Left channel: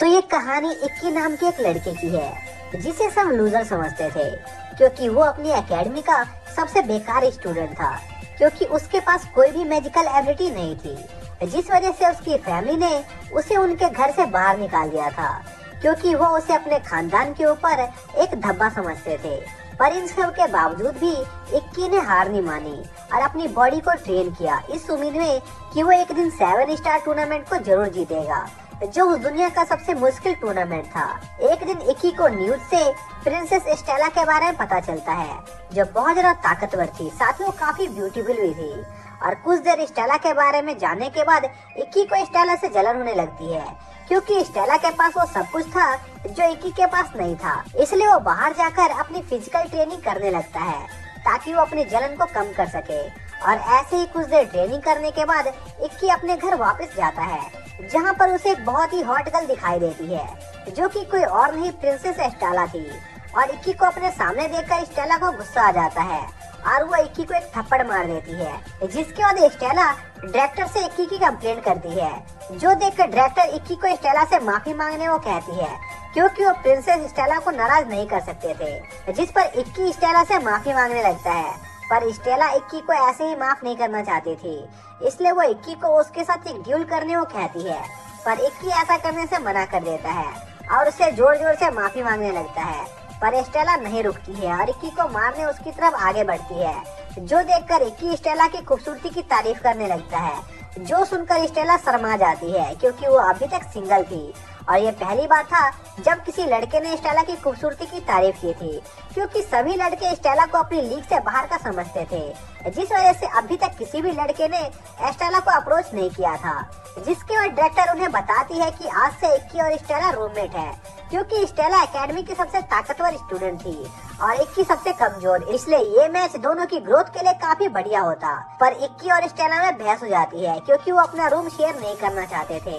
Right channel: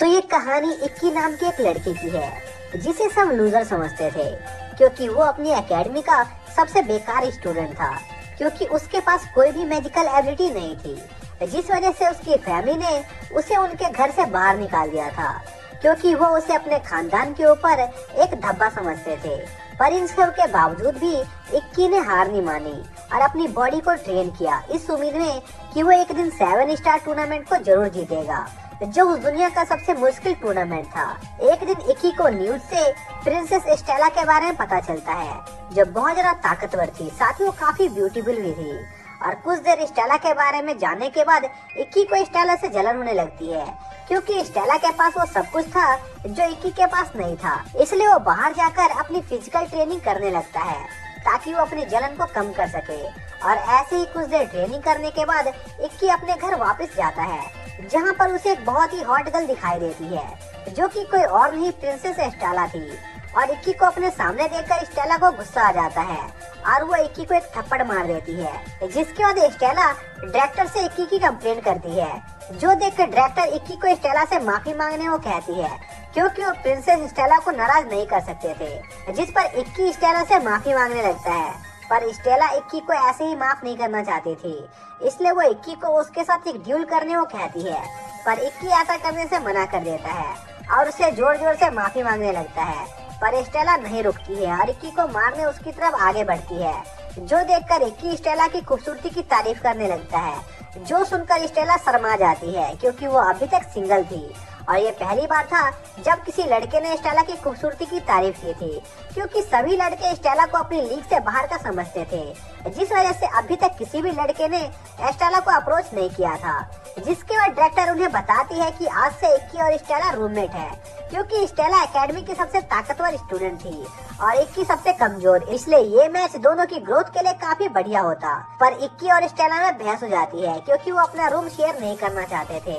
तो ये कहानी इक्की नाम के एक लड़के की है जिसे सब लूजर समझते थे, क्योंकि वो अपनी एकेडमी का सबसे बेकार स्टूडेंट था, क्योंकि उसके पास कोई भी मैजिकल एबिलिटी नहीं थी, जिस वजह से उसकी फैमिली ने उसे उनके घर से बाहर निकाल दिया था, क्योंकि वो उसे अपने खानदान के ऊपर एक धब्बा समझते थे। पर इन सब के बावजूद भी इक्की ने हार नहीं मानी और अपनी बॉडी को ट्रेन किया, इस उम्मीद में कि वो एक दिन 7 स्टार टूर्नामेंट को जरूर जीतेगा, जो उस दुनिया का सबसे मुश्किल टूर्नामेंट था। एक दिन इक्की को न्यूज से प्रिंसेस स्टेला के बारे में पता चलता है, जो बहुत ज्यादा ताकतवर थी, साथ ही वो काफी ब्यूटीफुल भी थी। और कुछ देर स्टेला के बारे में जानने के बाद इक्की को स्टेला से जलन होने लगती है, क्योंकि स्टेला के पास वो सब कुछ था जो इक्की के पास नहीं था। इसलिए वो बाहर जाकर अपनी फिजिकल ट्रेनिंग करने लगता है ताकि वो अपनी जलन को कम कर सके। और ऐसे ही कुछ देर ट्रेनिंग करने के बाद इक्की अपने घर वापस जाता है, जहाँ पर उसे एक बहुत ही हॉट गर्ल दिखाई देती है, जो कि कोई और नहीं प्रिंसेस स्टेला थी। और इक्की को अपने सामने देखकर स्टेला को गुस्सा आ जाता है और वो इक्की को एक थप्पड़ मार देती है, जिसके बाद स्टेला डायरेक्टर से इक्की की कंप्लेंट करती है, जो देखकर डायरेक्टर इक्की को स्टेला से माफी मांगने को कहती है, क्योंकि वो प्रिंसेस स्टेला को नाराज नहीं कर सकते थे। जिस पर इक्की स्टेला से माफी मांगने लगता है, पर स्टेला इक्की को ऐसे ही माफ नहीं करना चाहती थी, इसलिए वो इक्की को उसके साथ एक ड्यूल करने को कहती है, पर इक्की ऐसा करने से मना कर देता है और उसे जोर जोर से माफी मांगने लगता है। पर स्टेला नहीं रुकती है और इक्की को मारने उसकी तरफ आगे बढ़ती है, जो देखकर इक्की स्टेला की खूबसूरती की तारीफ करने लगता है, जो सुनकर स्टेला शर्मा जाती है, क्योंकि वो अभी तक सिंगल थी और ये पहली बार था जब किसी लड़के ने स्टेला की खूबसूरती की तारीफ की थी, क्योंकि सभी लड़के स्टेला को अपनी लीग से बाहर का समझते थे, जिस वजह से अभी तक किसी भी लड़के ने स्टेला को अप्रोच नहीं किया था। जिसके बाद डायरेक्टर उन्हें बताती है कि आज से इक्की और स्टेला रूममेट है, क्योंकि स्टेला एकेडमी की सबसे ताकतवर स्टूडेंट थी और इक्की सबसे कमजोर, इसलिए ये मैच दोनों की ग्रोथ के लिए काफी बढ़िया होता। पर इक्की और स्टेला में बहस हो जाती है, क्योंकि वो अपना रूम शेयर नहीं करना चाहते थे।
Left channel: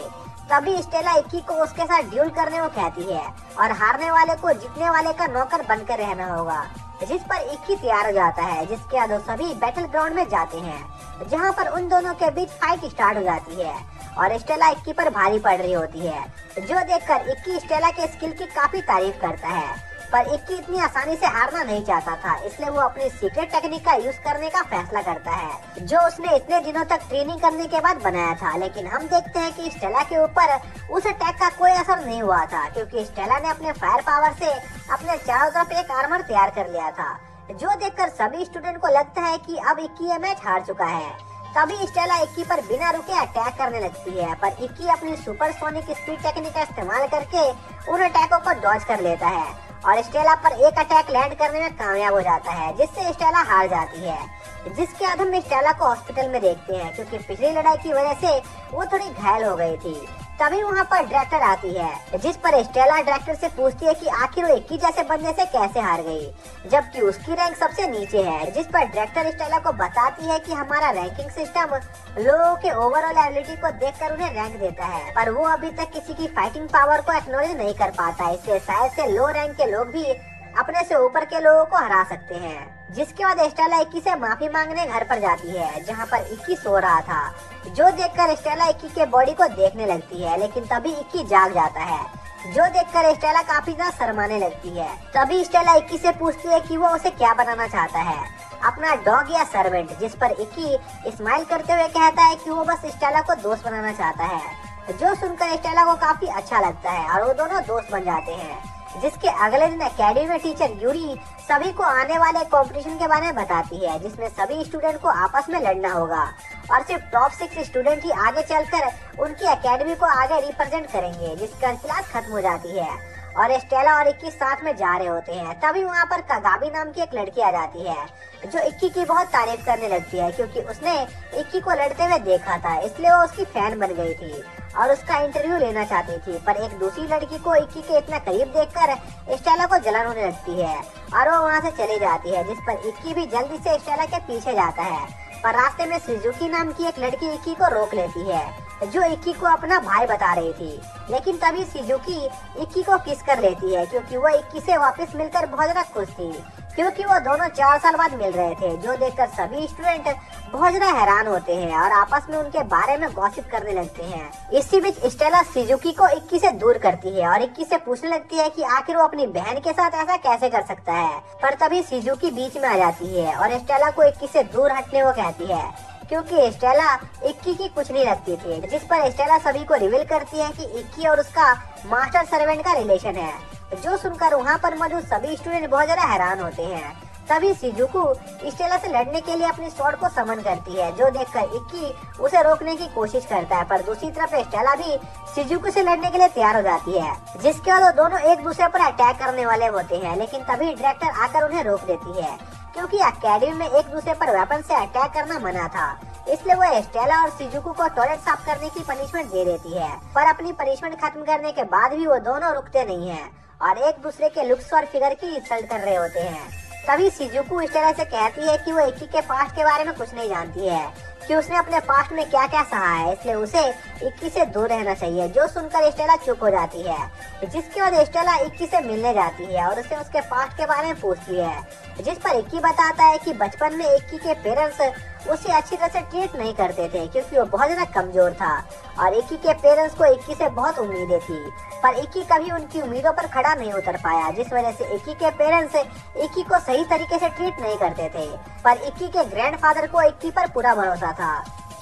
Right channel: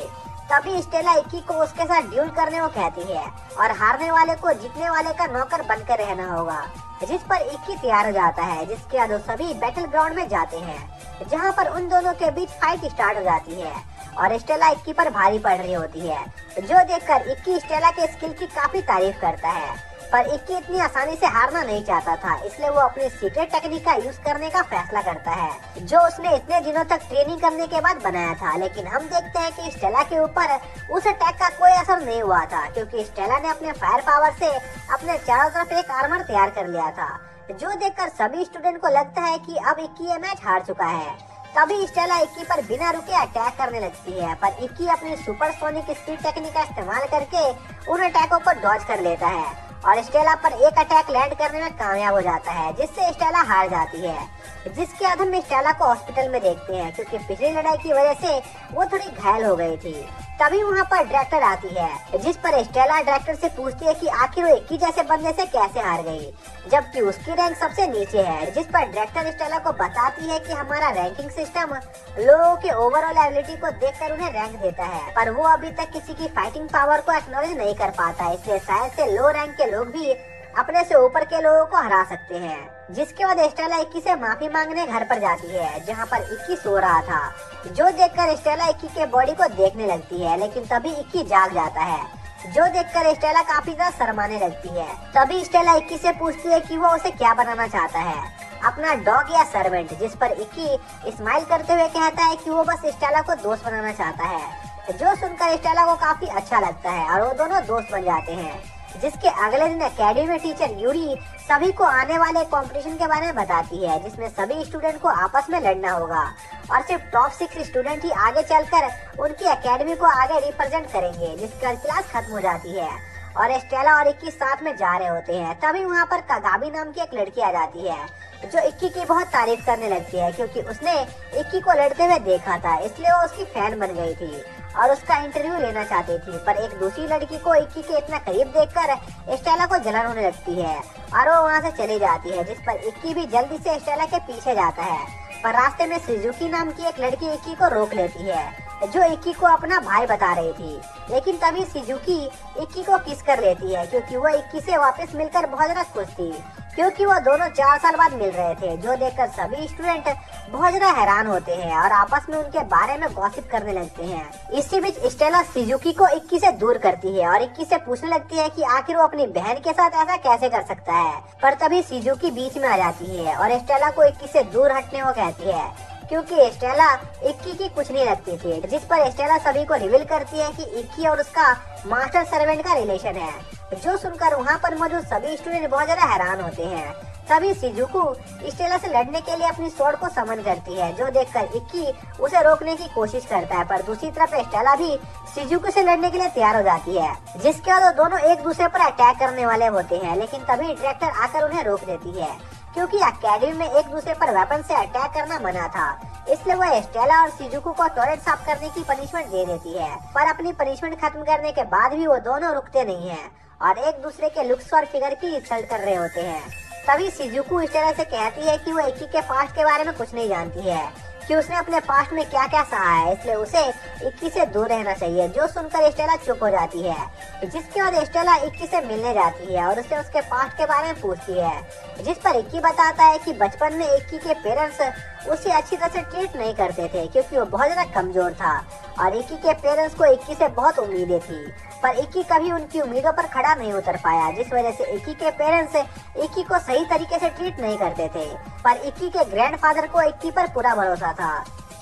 तभी स्टेला इक्की को उसके साथ ड्यूल करने को कहती है और हारने वाले को जीतने वाले का नौकर बनकर रहना होगा, जिस पर इक्की तैयार हो जाता है। जिसके बाद सभी बैटल ग्राउंड में जाते हैं, जहां पर उन दोनों के बीच फाइट स्टार्ट हो जाती है और स्टेला इक्की पर भारी पड़ रही होती है, जो देखकर इक्की स्टेला के स्किल की काफी तारीफ करता है। पर इक्की इतनी आसानी से हारना नहीं चाहता था, इसलिए वो अपनी सीक्रेट टेक्निक का यूज करने का फैसला करता है, जो उसने इतने दिनों तक ट्रेनिंग करने के बाद बनाया था। लेकिन हम देखते हैं कि स्टेला के ऊपर उस अटैक का कोई असर नहीं हुआ था, क्योंकि स्टेला ने अपने फायर पावर से अपने चारों तरफ एक आर्मर तैयार कर लिया था, जो देखकर सभी स्टूडेंट को लगता है कि अब इक्की ये मैच हार चुका है। तभी स्टेला इक्की पर बिना रुके अटैक करने लगती है, पर इक्की अपनी सुपरसोनिक स्पीड टेक्निक का इस्तेमाल करके उन अटैकों को डॉज कर लेता है और स्टेला पर एक अटैक लैंड करने में कामयाब हो जाता है, जिससे स्टेला हार जाती है। जिसके बाद हम स्टेला को हॉस्पिटल में देखते हैं, क्योंकि पिछली लड़ाई की वजह से वो थोड़ी घायल हो गई थी। तभी वहाँ पर डायरेक्टर आती है, जिस पर स्टेला डायरेक्टर से पूछती है कि आखिर वो इक्की जैसे बंदे से कैसे हार गई, जबकि उसकी रैंक सबसे नीचे है। जिस पर डायरेक्टर स्टेला को बताती है कि हमारा रैंकिंग सिस्टम लोगों के ओवरऑल एबिलिटी को देखकर उन्हें रैंक देता है, पर वो अभी तक किसी की फाइटिंग पावर को एक्नॉलेज नहीं कर पाता है, इसलिए शायद से लो रैंक के लोग भी अपने से ऊपर के लोगों को हरा सकते हैं। जिसके बाद स्टेला इक्की से माफी मांगने घर पर जाती है, जहाँ पर इक्की सो रहा था, जो देखकर स्टेला इक्की के बॉडी को देखने लगती है। लेकिन तभी इक्की जाग जाता है, जो देखकर स्टेला काफी ज्यादा शर्माने लगती है। तभी स्टेला इक्की से पूछती है कि वो उसे क्या बनाना चाहता है, अपना डॉग या सर्वेंट, जिस पर इक्की स्माइल करते हुए कहता है कि वो बस स्टेला को दोस्त बनाना चाहता है, जो सुनकर स्टेला को काफी अच्छा लगता है और वो दोनों दोस्त बन जाते हैं। जिसके अगले दिन एकेडमी में टीचर यूरी सभी को आने वाले कंपटीशन के बारे में बताती है, जिसमें सभी स्टूडेंट को आपस में लड़ना होगा और सिर्फ टॉप 6 स्टूडेंट ही आगे चलकर उनकी एकेडमी को आगे रिप्रेजेंट करेंगे। जिसका क्लास खत्म हो जाती है और स्टेला और इक्की साथ में जा रहे होते हैं। तभी वहाँ पर कागाबी नाम की एक लड़की आ जाती है, जो इक्की की बहुत तारीफ करने लगती है, क्योंकि उसने इक्की को लड़ते हुए देखा था, इसलिए वो उसकी फैन बन गई थी और उसका इंटरव्यू लेना चाहती थी। पर एक दूसरी लड़की को इक्की के इतना करीब देखकर स्टेला को जलन होने लगती है और वो वहाँ से चली जाती है, जिस पर इक्की भी जल्दी से स्टेला के पीछे जाता है। पर रास्ते में सुजुकी नाम की एक लड़की इक्की को रोक लेती है, जो इक्की को अपना भाई बता रही थी। लेकिन तभी शिजुकी इक्की को किस कर लेती है, क्योंकि वो इक्की से वापस मिलकर बहुत ज्यादा खुश थी, क्योंकि वो दोनों 4 साल बाद मिल रहे थे। जो देखकर सभी स्टूडेंट बहुत ज्यादा हैरान होते हैं और आपस में उनके बारे में गॉसिप करने लगते हैं। इसी बीच स्टेला शिजुकी को इक्की से दूर करती है और इक्की से पूछने लगती है कि आखिर वो अपनी बहन के साथ ऐसा कैसे कर सकता है। पर तभी शिजुकी बीच में आ जाती है और स्टेला को इक्की से दूर हटने को कहती है, क्योंकि स्टेला इक्की की कुछ नहीं लगती थी। जिस पर स्टेला सभी को रिवील करती है कि इक्की और उसका मास्टर सर्वेंट का रिलेशन है, जो सुनकर वहाँ पर मौजूद सभी स्टूडेंट बहुत ज्यादा हैरान होते हैं। तभी शिजुको स्टेला से लड़ने के लिए अपनी स्वॉर्ड को समन करती है, जो देखकर इक्की उसे रोकने की कोशिश करता है। पर दूसरी तरफ स्टेला भी शिजुको से लड़ने के लिए तैयार हो जाती है, जिसके बाद वो दोनों एक दूसरे पर अटैक करने वाले होते हैं। लेकिन तभी डायरेक्टर आकर उन्हें रोक देती है, क्योंकि अकेडमी में एक दूसरे पर वेपन से अटैक करना मना था। इसलिए वो स्टेला और शिजुको को टॉयलेट साफ करने की पनिशमेंट दे देती है। पर अपनी पनिशमेंट खत्म करने के बाद भी वो दोनों रुकते नहीं हैं और एक दूसरे के लुक्स और फिगर की इंसल्ट कर रहे होते हैं। तभी शिजुको स्टेला से कहती है कि वो इक्की के पास्ट के बारे में कुछ नहीं जानती है, कि उसने अपने पास्ट में क्या क्या सहा है, इसलिए उसे इक्की से दूर रहना चाहिए। जो सुनकर स्टेला चुप हो जाती है, जिसके बाद स्टेला इक्की से मिलने जाती है और उससे उसके पास्ट के बारे में पूछती है, जिस पर इक्की बताता है कि बचपन में इक्की के पेरेंट्स उसे अच्छी तरह से ट्रीट नहीं करते थे, क्योंकि वो बहुत ज्यादा कमजोर था और इक्की के पेरेंट्स को इक्की से बहुत उम्मीदें थी, पर इक्की कभी उनकी उम्मीदों पर खड़ा नहीं उतर पाया, जिस वजह से इक्की के पेरेंट्स इक्की को सही तरीके से ट्रीट नहीं करते थे। पर इक्की के ग्रैंडफादर को इक्की पर पूरा भरोसा था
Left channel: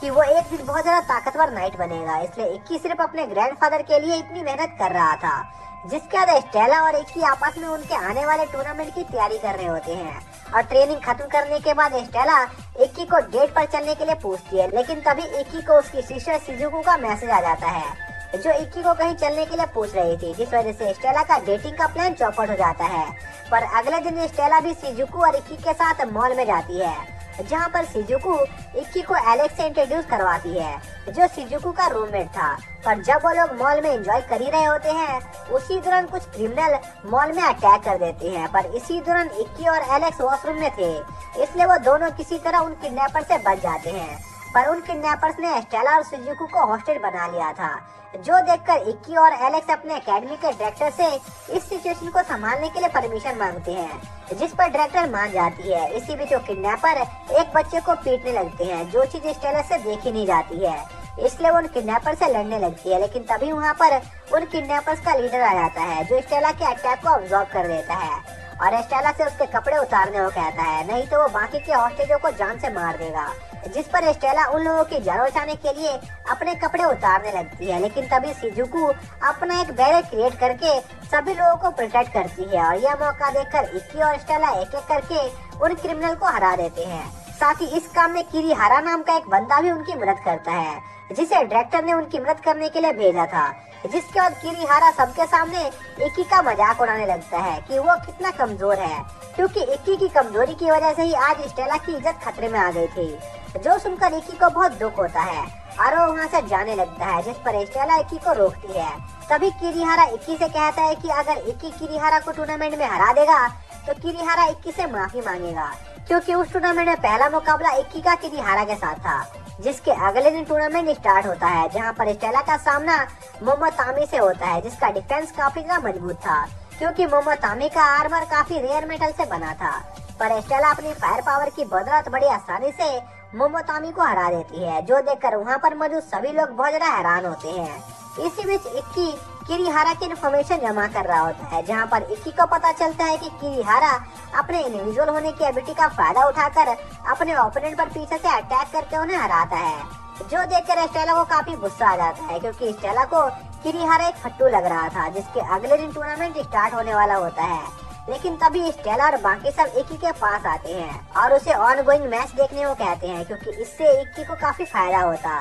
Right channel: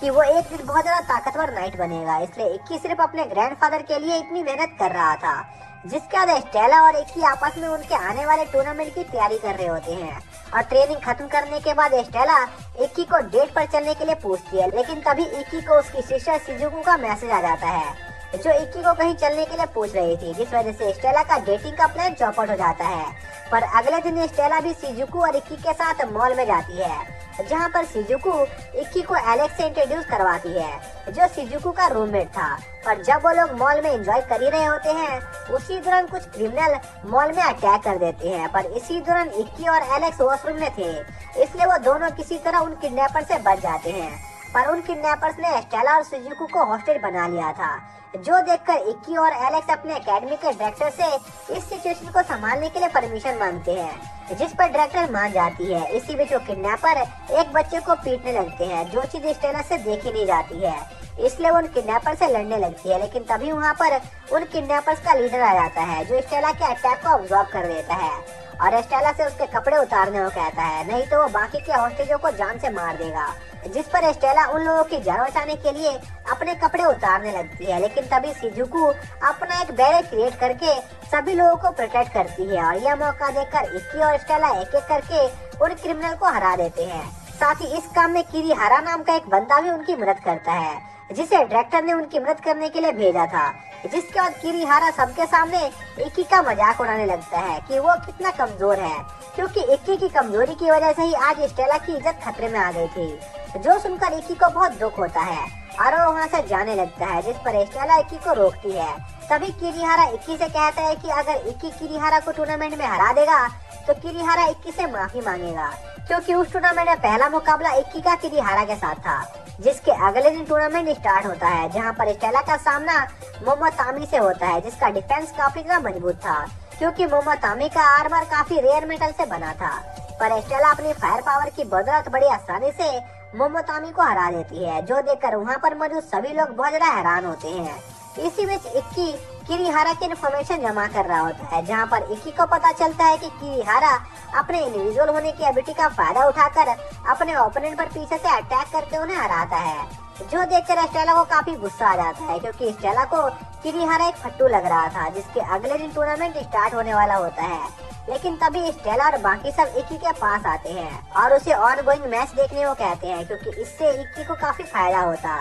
कि वो एक दिन बहुत ज्यादा ताकतवर नाइट बनेगा, इसलिए इक्की सिर्फ अपने ग्रैंडफादर के लिए इतनी मेहनत कर रहा था। जिसके बाद स्टेला और इक्की आपस में उनके आने वाले टूर्नामेंट की तैयारी कर रहे होते हैं और ट्रेनिंग खत्म करने के बाद स्टेला इक्की को डेट पर चलने के लिए पूछती है। लेकिन तभी इक्की को उसकी सिस्टर शिजुको का मैसेज आ जाता है, जो इक्की को कहीं चलने के लिए पूछ रही थी, जिस वजह से स्टेला का डेटिंग का प्लान चौपट हो जाता है। पर अगले दिन स्टेला भी शिजुको और इक्की के साथ मॉल में जाती है, जहाँ पर शिजुको इक्की को एलेक्स से इंट्रोड्यूस करवाती है, जो शिजुको का रूममेट था। पर जब वो लोग मॉल में एंजॉय कर ही रहे होते हैं, उसी दौरान कुछ क्रिमिनल मॉल में अटैक कर देते हैं। पर इसी दौरान इक्की और एलेक्स वॉशरूम में थे, इसलिए वो दोनों किसी तरह उन किडनैपर से बच जाते हैं। पर उन किडनैपर्स ने स्टेला और शिजुको को हॉस्टेज बना लिया था, जो देखकर इक्की और एलेक्स अपने एकेडमी के डायरेक्टर से इस सिचुएशन को संभालने के लिए परमिशन मांगते हैं, जिस पर डायरेक्टर मान जाती है। इसी बीच वो किडनैपर एक बच्चे को पीटने लगते हैं, जो चीज स्टेला से देखी नहीं जाती है, इसलिए वो किडनैपर से लड़ने लगती है। लेकिन तभी वहाँ पर उन किडनैपर्स का लीडर आ जाता है, जो स्टेला के अटैक को ऑब्जर्व कर लेता है और स्टेला से उसके कपड़े उतारने को कहता है, नहीं तो वो बाकी के हॉस्टेजों को जान से मार देगा। जिस पर स्टेला उन लोगों की जान बचाने के लिए अपने कपड़े उतारने लगती है। लेकिन तभी शिजुको अपना एक बैरियर क्रिएट करके सभी लोगों को प्रोटेक्ट करती है और यह मौका देखकर इक्की और स्टेला एक एक करके उन क्रिमिनल को हरा देते हैं। साथ ही इस काम में किरीहारा नाम का एक बंदा भी उनकी मदद करता है, जिसे डायरेक्टर ने उनकी मदद करने के लिए भेजा था। जिसके बाद किरीहारा सबके सामने इक्की का मजाक उड़ाने लगता है कि वो कितना कमजोर है, क्योंकि इक्की की कमजोरी की वजह से ही आज स्टेला की इज्जत खतरे में आ गई थी। जो सुनकर इक्की को बहुत दुख होता है और वो वहाँ से जाने लगता है, जिस पर स्टेला इक्की को रोकती है। तभी किरीहारा इक्की से कहता है कि अगर इक्की किरीहारा को टूर्नामेंट में हरा देगा तो किरीहारा इक्की से माफी मांगेगा, क्योंकि उस टूर्नामेंट में पहला मुकाबला इक्की का किरीहारा के साथ था। जिसके अगले दिन टूर्नामेंट स्टार्ट होता है, जहां पर स्टेला का सामना मोमोतामी से होता है, जिसका डिफेंस काफी ज्यादा मजबूत था, क्योंकि मोमोतामी का आर्मर काफी रेयर मेटल से बना था। पर स्टेला अपनी फायर पावर की बदौलत बड़ी आसानी से मोमोतामी को हरा देती है, जो देखकर वहाँ पर मौजूद सभी लोग बहुत ज्यादा हैरान होते हैं। इसी बीच इक्की किरीहारा की इन्फॉर्मेशन जमा कर रहा होता है, जहाँ पर इक्की को पता चलता है कि किरीहारा अपने इंडिविजुअल होने की एबिलिटी का फायदा उठाकर अपने ओपोनेंट पर पीछे से अटैक करके उन्हें हराता है, जो देखकर स्टेला को काफी गुस्सा आ जाता है, क्योंकि स्टेला को किरीहारा एक फट्टू लग रहा था। जिसके अगले दिन टूर्नामेंट स्टार्ट होने वाला होता है। लेकिन तभी स्टेला और बाकी सब इक्की के पास आते हैं और उसे ऑन गोइंग मैच देखने को कहते हैं, क्योंकि इससे इक्की को काफी फायदा होता।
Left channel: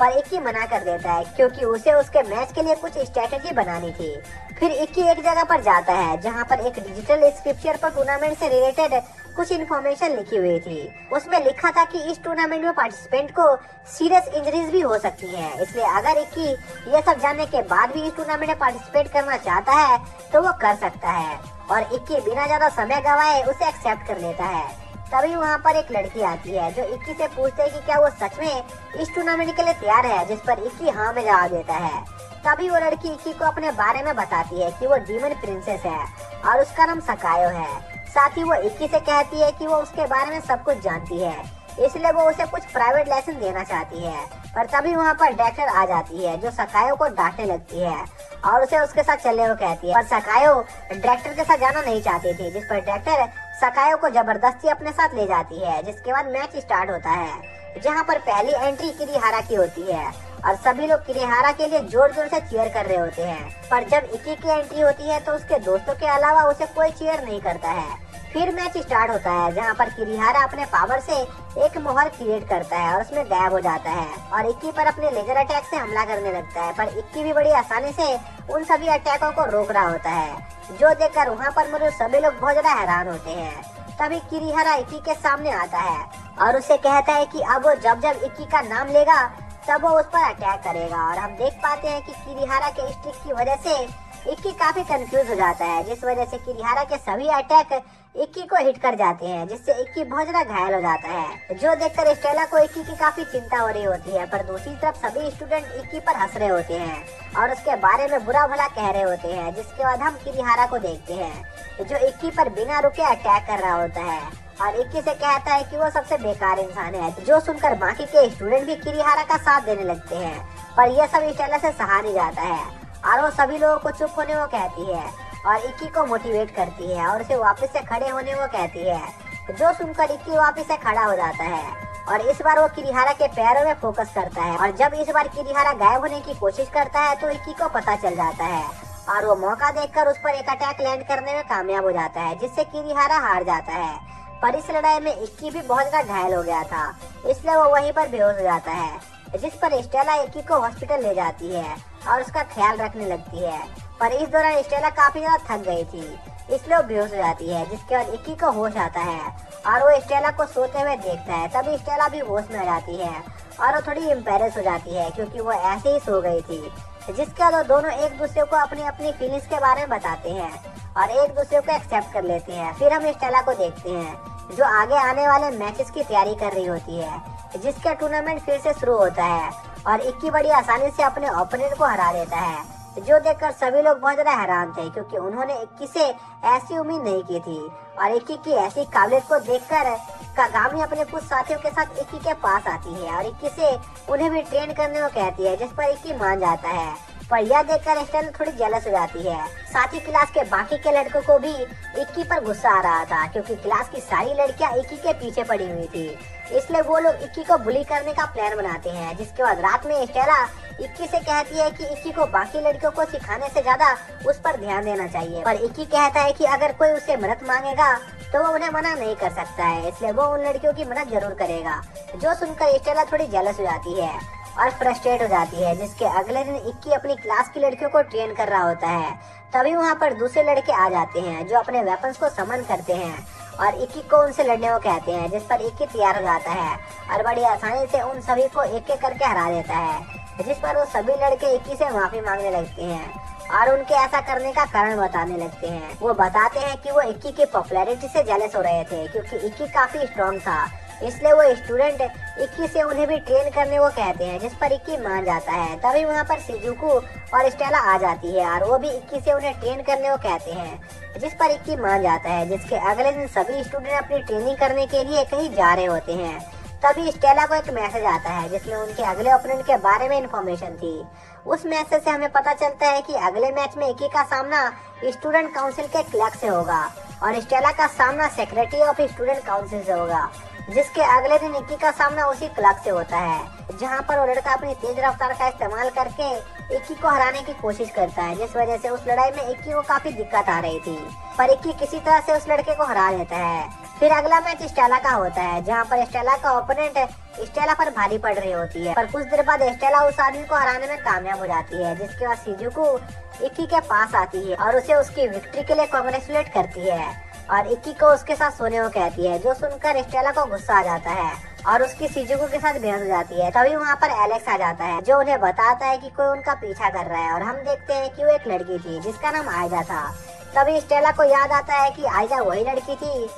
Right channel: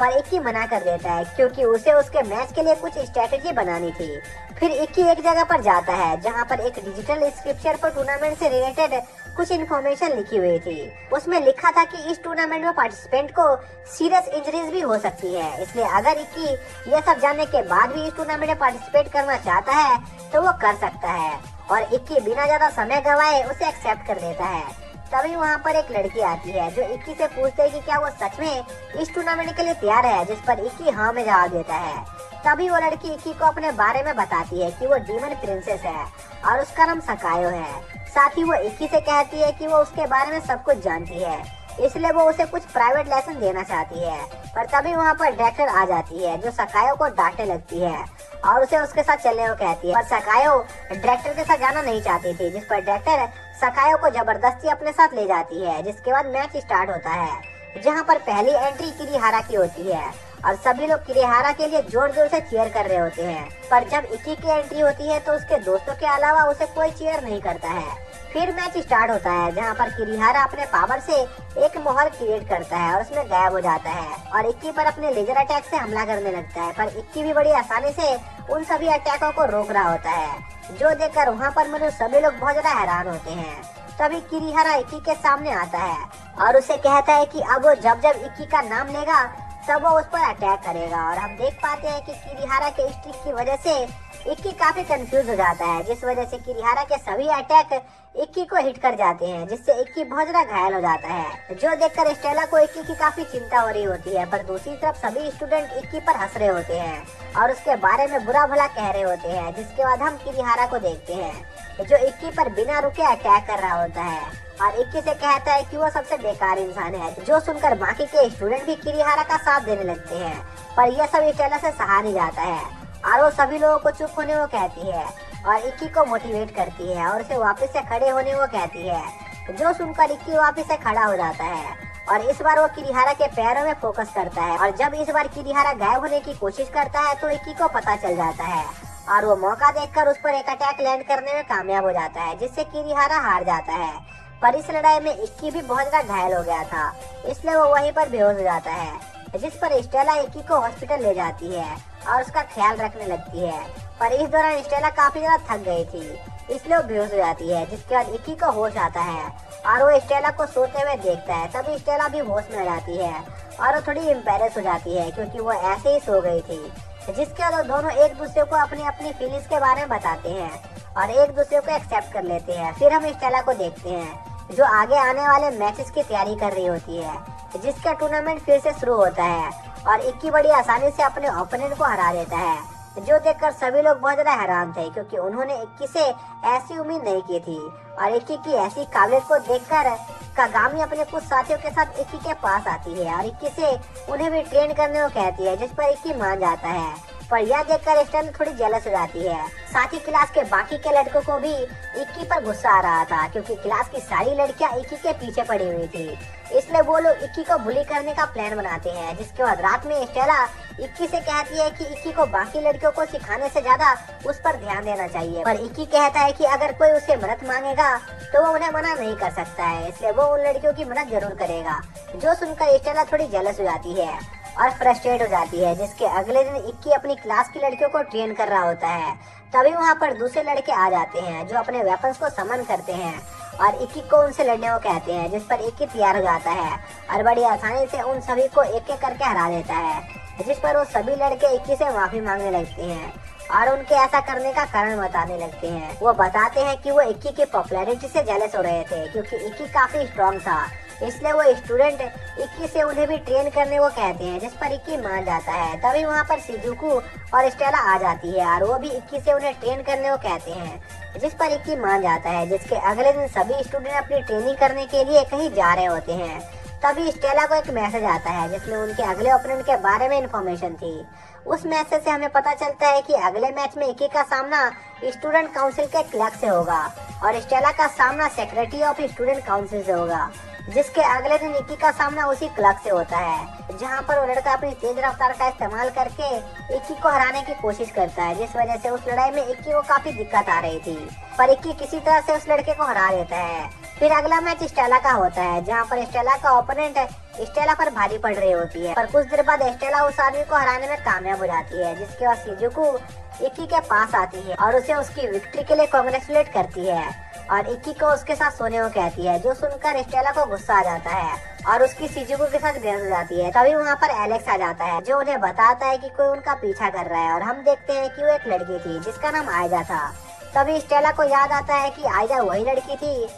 पर इक्की मना कर देता है, क्योंकि उसे उसके मैच के लिए कुछ स्ट्रेटेजी बनानी थी। फिर इक्की एक जगह पर जाता है, जहां पर एक डिजिटल स्क्रिप्चर पर टूर्नामेंट से रिलेटेड कुछ इन्फॉर्मेशन लिखी हुई थी। उसमें लिखा था कि इस टूर्नामेंट में पार्टिसिपेंट को सीरियस इंजरीज भी हो सकती हैं, इसलिए अगर इक्की यह सब जानने के बाद भी इस टूर्नामेंट में पार्टिसिपेट करना चाहता है तो वो कर सकता है। और इक्की बिना ज्यादा समय गवाए उसे एक्सेप्ट कर लेता है। तभी वहाँ पर एक लड़की आती है जो इक्की से पूछते है कि क्या वो सच में इस टूर्नामेंट के लिए तैयार है, जिस पर इक्की हाँ में जवाब देता है। तभी वो लड़की इक्की को अपने बारे में बताती है कि वो डीमन प्रिंसेस है और उसका नाम सकायो है। साथ ही वो इक्की से कहती है कि वो उसके बारे में सब कुछ जानती है, इसलिए वो उसे कुछ प्राइवेट लेसन देना चाहती है। पर तभी वहाँ पर डॉक्टर आ जाती है जो सकायो को डांटने लगती है और उसे उसके साथ चलने को कहती है। पर सकायो डॉक्टर के साथ जाना नहीं चाहती थी, जिस पर डॉक्टर सकायो को जबरदस्ती अपने साथ ले जाती है। जिसके बाद मैच स्टार्ट होता है, जहाँ पर पहली एंट्री किरीहारा की होती है और सभी लोग किरीहारा के लिए जोर जोर से चीयर कर रहे होते हैं। पर जब इक्की की एंट्री होती है तो उसके दोस्तों के अलावा उसे कोई चीयर नहीं करता है। फिर मैच स्टार्ट होता है, जहाँ पर किरीहारा अपने पावर से एक माहौल क्रिएट करता है और उसमें गायब हो जाता है और इक्की पर अपने लेजर अटैक से हमला करने लगता है। पर इक्की भी बड़ी आसानी से उन सभी अटैकों को रोक रहा होता है, जो देखकर वहाँ पर मौजूद सभी लोग बहुत ज्यादा हैरान होते हैं। तभी किरीहारा इक्की के सामने आता है और उसे कहता है कि अब वो जब जब इक्की का नाम लेगा तब वो उस पर अटैक करेगा। और हम देख पाते हैं कि किरीहारा के स्टिक की वजह से इक्की काफी कंफ्यूज हो जाता है, जिस वजह से किरीहारा के सभी अटैक इक्की को हिट कर जाते हैं, जिससे इक्की बहुत ज्यादा घायल हो जाता है। जो देखकर स्टेला को इक्की की काफी चिंता हो रही होती है। पर दूसरी तरफ सभी स्टूडेंट इक्की पर हंस रहे होते हैं और उसके बारे में बुरा भला कह रहे होते हैं। जिसके बाद हम किरीहारा को देखते हैं जो इक्की पर बिना रुके अटैक कर रहा होता है और इक्की से कहता है कि वो सबसे बेकार इंसान है, जो सुनकर बाकी के स्टूडेंट भी किरीहारा का साथ देने लगते हैं। पर यह सब स्टेला से सहा नहीं जाता है और वो सभी लोगों को चुप होने को कहती है और इक्की को मोटिवेट करती है और उसे वापस से खड़े होने को कहती है। जो सुनकर इक्की वापस से खड़ा हो जाता है और इस बार वो किरीहारा के पैरों में फोकस करता है और जब इस बार किरीहारा गायब होने की कोशिश करता है तो इक्की को पता चल जाता है और वो मौका देखकर उस पर एक अटैक लैंड करने में कामयाब हो जाता है, जिससे किरीहारा हार जाता है। पर इस लड़ाई में इक्की भी बहुत ज्यादा घायल हो गया था, इसलिए वो वहीं पर बेहोश हो जाता है। जिस पर स्टेला इक्की को हॉस्पिटल ले जाती है और उसका ख्याल रखने लगती है। पर इस दौरान स्टेला काफी ज्यादा थक गई थी, इसलिए वो बेहोश हो जाती है। जिसके बाद इक्की को होश आता है और वो स्टेला को सोते हुए देखता है। तभी स्टेला भी होश में आ जाती है और वो थोड़ी एम्बेरस हो जाती है क्योंकि वो ऐसे ही सो गई थी। जिसके बाद दोनों एक दूसरे को अपनी अपनी फीलिंग्स के बारे में बताते हैं और एक दूसरे को एक्सेप्ट कर लेते हैं। फिर हम स्टेला को देखते हैं जो आगे आने वाले मैचेस की तैयारी कर रही होती है, जिसका टूर्नामेंट फिर से शुरू होता है और इक्की बड़ी आसानी से अपने ओपोनेंट को हरा देता है। जो देखकर सभी लोग बहुत ज्यादा हैरान थे क्योंकि उन्होंने इक्की से ऐसी उम्मीद नहीं की थी। और इक्की की ऐसी काबिलियत को देखकर कागामी अपने कुछ साथियों के साथ इक्की के पास आती है और इक्की से उन्हें भी ट्रेन करने को कहती है, जिस पर इक्की मान जाता है। पर यह देखकर स्टेला थोड़ी जेलस हो जाती है। साथ ही क्लास के बाकी के लड़कों को भी इक्की पर गुस्सा आ रहा था क्योंकि क्लास की सारी लड़कियां इक्की के पीछे पड़ी हुई थी, इसलिए वो लोग इक्की को बुली करने का प्लान बनाते हैं। जिसके बाद रात में स्टेला इक्की से कहती है कि इक्की को बाकी लड़कियों को सिखाने से ज्यादा उस पर ध्यान देना चाहिए। पर इक्की कहता है कि अगर कोई उसे मदद मांगेगा तो वो उन्हें मना नहीं कर सकता है, इसलिए वो उन लड़कियों की मदद जरूर करेगा। जो सुनकर स्टेला थोड़ी जेलस हो जाती है और फ्रस्ट्रेट हो जाती है। जिसके अगले दिन इक्की अपनी क्लास की लड़कियों को ट्रेन कर रहा होता है। तभी वहाँ पर दूसरे लड़के आ जाते हैं जो अपने वेपन्स को समन करते हैं और इक्की को उनसे लड़ने को कहते हैं, जिस पर इक्की तैयार हो जाता है और बड़ी आसानी से उन सभी को एक एक करके हरा देता है। जिस पर वो सभी लड़के इक्की से माफी मांगने लगते हैं और उनके ऐसा करने का कारण बताने लगते हैं। वो बताते हैं कि वो इक्की की पॉपुलैरिटी से जेलस हो रहे थे क्योंकि इक्की काफी स्ट्रॉन्ग था, इसलिए वो स्टूडेंट इक्की से उन्हें भी ट्रेन करने को कहते हैं, जिस पर इक्की मान जाता है। तभी वहाँ पर शिजुको और स्टेला आ जाती है और वो भी इक्की से उन्हें ट्रेन करने को कहते हैं, जिस पर इक्की मान जाता है। जिसके अगले दिन सभी स्टूडेंट अपनी ट्रेनिंग करने के लिए कहीं जा रहे होते हैं। तभी स्टेला को एक मैसेज आता है जिसमें उनके अगले ओपोनेंट के बारे में इंफॉर्मेशन थी। उस मैसेज से हमें पता चलता है कि अगले मैच में इक्की का सामना स्टूडेंट काउंसिल के क्लर्क से होगा और स्टेला का सामना सेक्रेटरी ऑफ स्टूडेंट काउंसिल से होगा। जिसके अगले दिन इक्की का सामना उसी क्लर्क से होता है, जहां पर वो लड़का अपनी तेज रफ्तार का इस्तेमाल करके इक्की को हराने की कोशिश करता है, जिस वजह से उस लड़ाई में इक्की को काफी दिक्कत आ रही थी। पर इक्की किसी तरह से उस लड़के को हरा देता है। फिर अगला मैच स्टेला का होता है, जहाँ पर स्टेला का ओपोनेंट स्टेला पर भारी पड़ रही होती है। पर कुछ देर बाद स्टेला उस आदमी को हराने में कामयाब हो जाती है, जिसके बाद शिजुको इक्की के पास आती है और उसे उसकी विक्ट्री के लिए कांग्रेचुलेट करती है और इक्की को उसके साथ सोने को कहती है। जो सुनकर स्टेला को गुस्सा आ जाता है और उसकी शिजुको के साथ बेहोश हो जाती है। तभी वहाँ पर एलेक्स आ जाता है जो उन्हें बताता है कि कोई उनका पीछा कर रहा है और हम देखते हैं कि वो एक लड़की थी जिसका नाम आयजा था। तभी स्टेला को याद आता है कि आयजा वही लड़की थी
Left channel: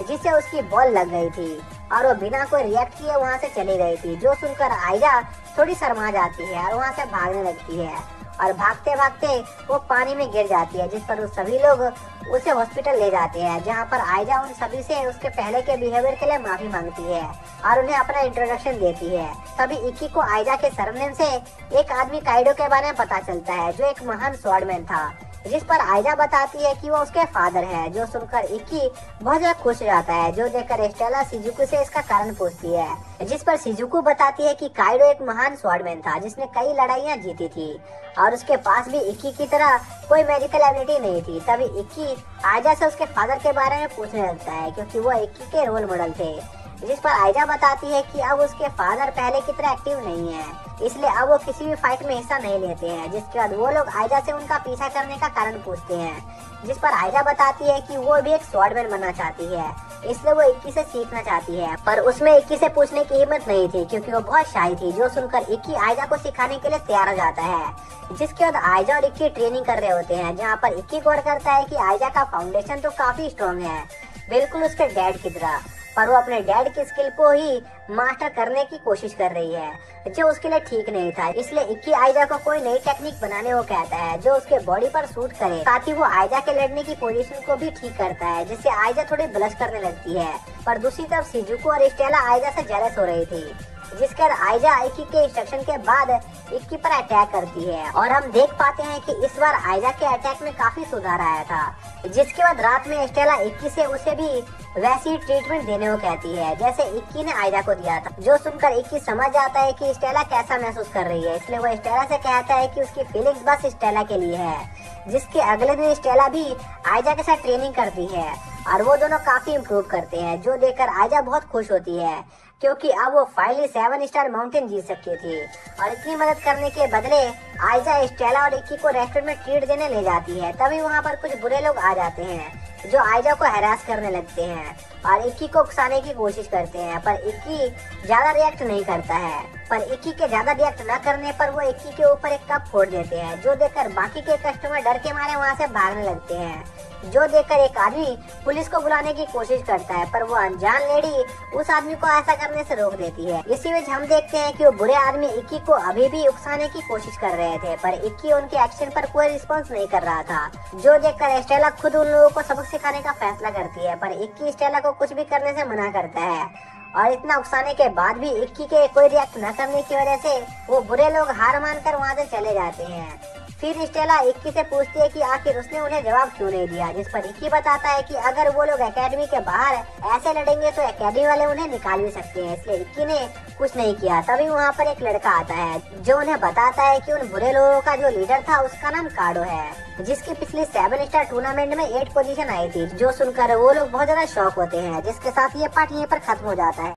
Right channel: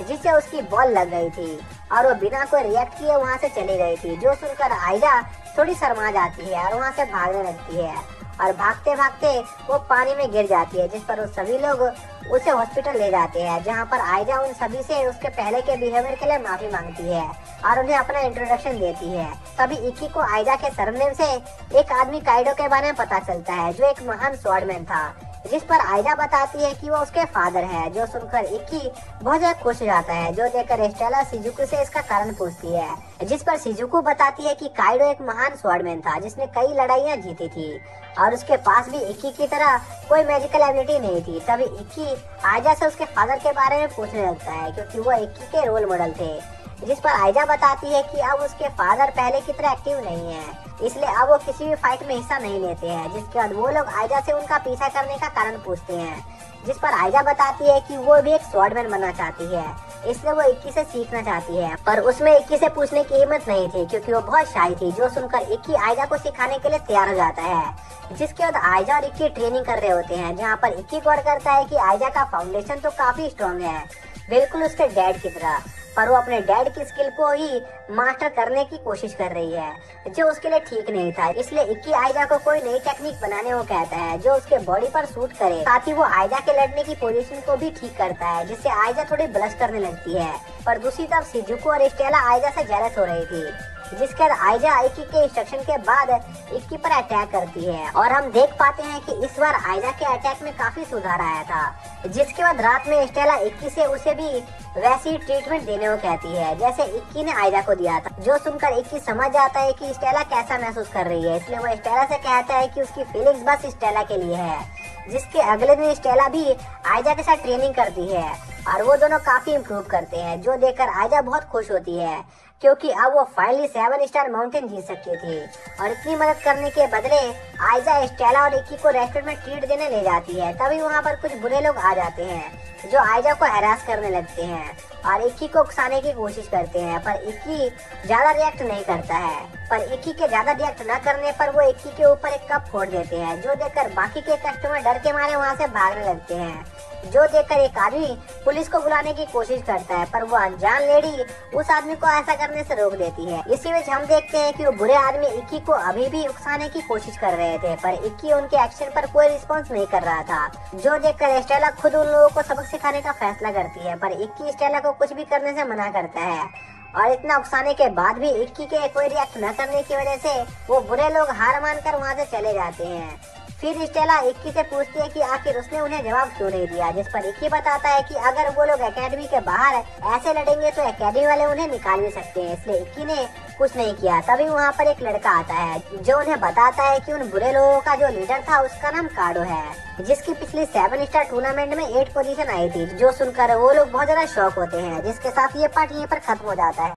जिससे उसकी बॉल लग गई थी और वो बिना कोई रिएक्ट किए वहाँ से चली गई थी। जो सुनकर आयजा थोड़ी शर्मा जाती है और वहाँ से भागने लगती है और भागते भागते वो पानी में गिर जाती है, जिस पर उस सभी लोग उसे हॉस्पिटल ले जाते हैं, जहाँ पर आयजा उन सभी से उसके पहले के बिहेवियर के लिए माफी मांगती है और उन्हें अपना इंट्रोडक्शन देती है। तभी इक्की को आयजा के सरनेम से एक आदमी काइडो के बारे में पता चलता है, जो एक महान स्वॉर्डमैन था, जिस पर आयजा बताती है कि वो उसके फादर है। जो सुनकर इक्की बहुत ज्यादा खुश हो जाता है। जो देखकर स्टेला शिजुको से इसका कारण पूछती है, जिस पर शिजुको बताती है कि काइडो एक महान स्वॉर्डमैन था जिसने कई लड़ाइयाँ जीती थी और उसके पास भी इक्की की तरह कोई मेडिकल एबिलिटी नहीं थी। तभी इक्की आयजा से उसके फादर के बारे में पूछने लगता है, क्योंकि वो इक्की के रोल मॉडल थे, जिस पर आयजा बताती है कि अब उसके फादर पहले की तरह एक्टिव नहीं है, इसलिए अब वो किसी भी फाइट में हिस्सा नहीं लेते हैं। जिसके बाद वो लोग आयजा से उनका पीछा करने का कारण पूछते हैं, जिस पर आयजा बताती है कि वो भी एक स्वॉर्डमैन बनना चाहती है, इसलिए वो इक्की से सीखना चाहती है। पर उसमें इक्की से पूछने की हिम्मत नहीं थी, क्योंकि वो बहुत शाय थी। जो सुनकर इक्की आयजा को सिखाने के लिए तैयार हो जाता है, जिसके बाद आयजा और इक्की ट्रेनिंग कर रहे होते हैं, जहाँ पर इक्की गौर करता है कि आयजा का फाउंडेशन तो काफी स्ट्रॉन्ग है, बिल्कुल उसके डैड की तरह, पर वो अपने डैड की स्किल को ही मास्टर करने की कोशिश कर रही है, जो उसके लिए ठीक नहीं था। इसलिए इक्की आयजा को कोई नई टेक्निक बनाने को कहता है, जो उसके बॉडी पर सूट करे। साथ ही वो आयजा के लड़ने की पोजीशन को भी ठीक करता है, जिससे आयजा थोड़ी ब्लश करने लगती है। पर दूसरी तरफ शिजुको और स्टेला आयजा से जेलस हो रही थी, जिसके बाद आयजा इक्की के इंस्ट्रक्शन के बाद इक्की पर अटैक करती है और हम देख पाते हैं कि इस बार आयजा के अटैक में काफी सुधार आया था। जिसके बाद रात में स्टेला इक्की से उसे भी वैसी ट्रीटमेंट देने को कहती है जैसे इक्की ने आयजा को दिया था। जो सुनकर इक्की समझ जाता है कि स्टेला कैसा महसूस कर रही है, इसलिए वो स्टेला से कहता है कि उसकी फीलिंग्स बस स्टेला के लिए है। जिसके अगले दिन स्टेला भी आयजा के साथ ट्रेनिंग करती है और वो दोनों काफी इम्प्रूव करते हैं, जो देखकर आयजा बहुत खुश होती है, क्योंकि अब वो फाइनली 7 स्टार माउंटेन जीत सकती थी। और इतनी मदद करने के बदले आयजा स्टेला और इक्की को रेस्टोरेंट में ट्रीट देने ले जाती है। तभी वहाँ पर कुछ बुरे लोग आ जाते हैं, जो आयजा को हैरास करने लगते हैं और इक्की को उकसाने की कोशिश करते हैं, पर इक्की ज्यादा रिएक्ट नहीं करता है। पर इक्की के ज्यादा रिएक्ट न करने पर वो इक्की के ऊपर एक कप फोड़ देते हैं, जो देखकर बाकी के कस्टमर डर के मारे वहाँ से भागने लगते हैं। जो देखकर एक आदमी पुलिस को बुलाने की कोशिश करता है, पर वो अनजान लेडी उस आदमी को ऐसा करने से रोक देती है। इसी बीच हम देखते हैं कि वो बुरे आदमी इक्की को अभी भी उकसाने की कोशिश कर रहे थे, पर इक्की उनके एक्शन पर कोई रिस्पॉन्स नहीं कर रहा था। जो देखकर स्टेला खुद उन लोगों को सबक सिखाने का फैसला करती है, पर इक्की स्टेला को कुछ भी करने से मना करता है और इतना उकसाने के बाद भी इक्की के कोई रिएक्ट न करने की वजह से वो बुरे लोग हार मानकर वहाँ से चले जाते हैं। फिर स्टेला इक्की से पूछती है कि आखिर उसने उन्हें जवाब क्यों नहीं दिया, जिस पर इक्की बताता है कि अगर वो लोग एकेडमी के बाहर ऐसे लड़ेंगे तो एकेडमी वाले उन्हें निकाल भी सकते हैं, इसलिए इक्की ने कुछ नहीं किया। तभी वहाँ पर एक लड़का आता है, जो उन्हें बताता है कि उन बुरे लोगों का जो लीडर था उसका नाम काडो है, जिसकी पिछले 7 स्टार टूर्नामेंट में 8 पोजीशन आई थी। जो सुनकर वो लोग बहुत ज्यादा शॉक होते हैं, जिसके साथ ये पार्ट यहीं पर खत्म हो जाता है।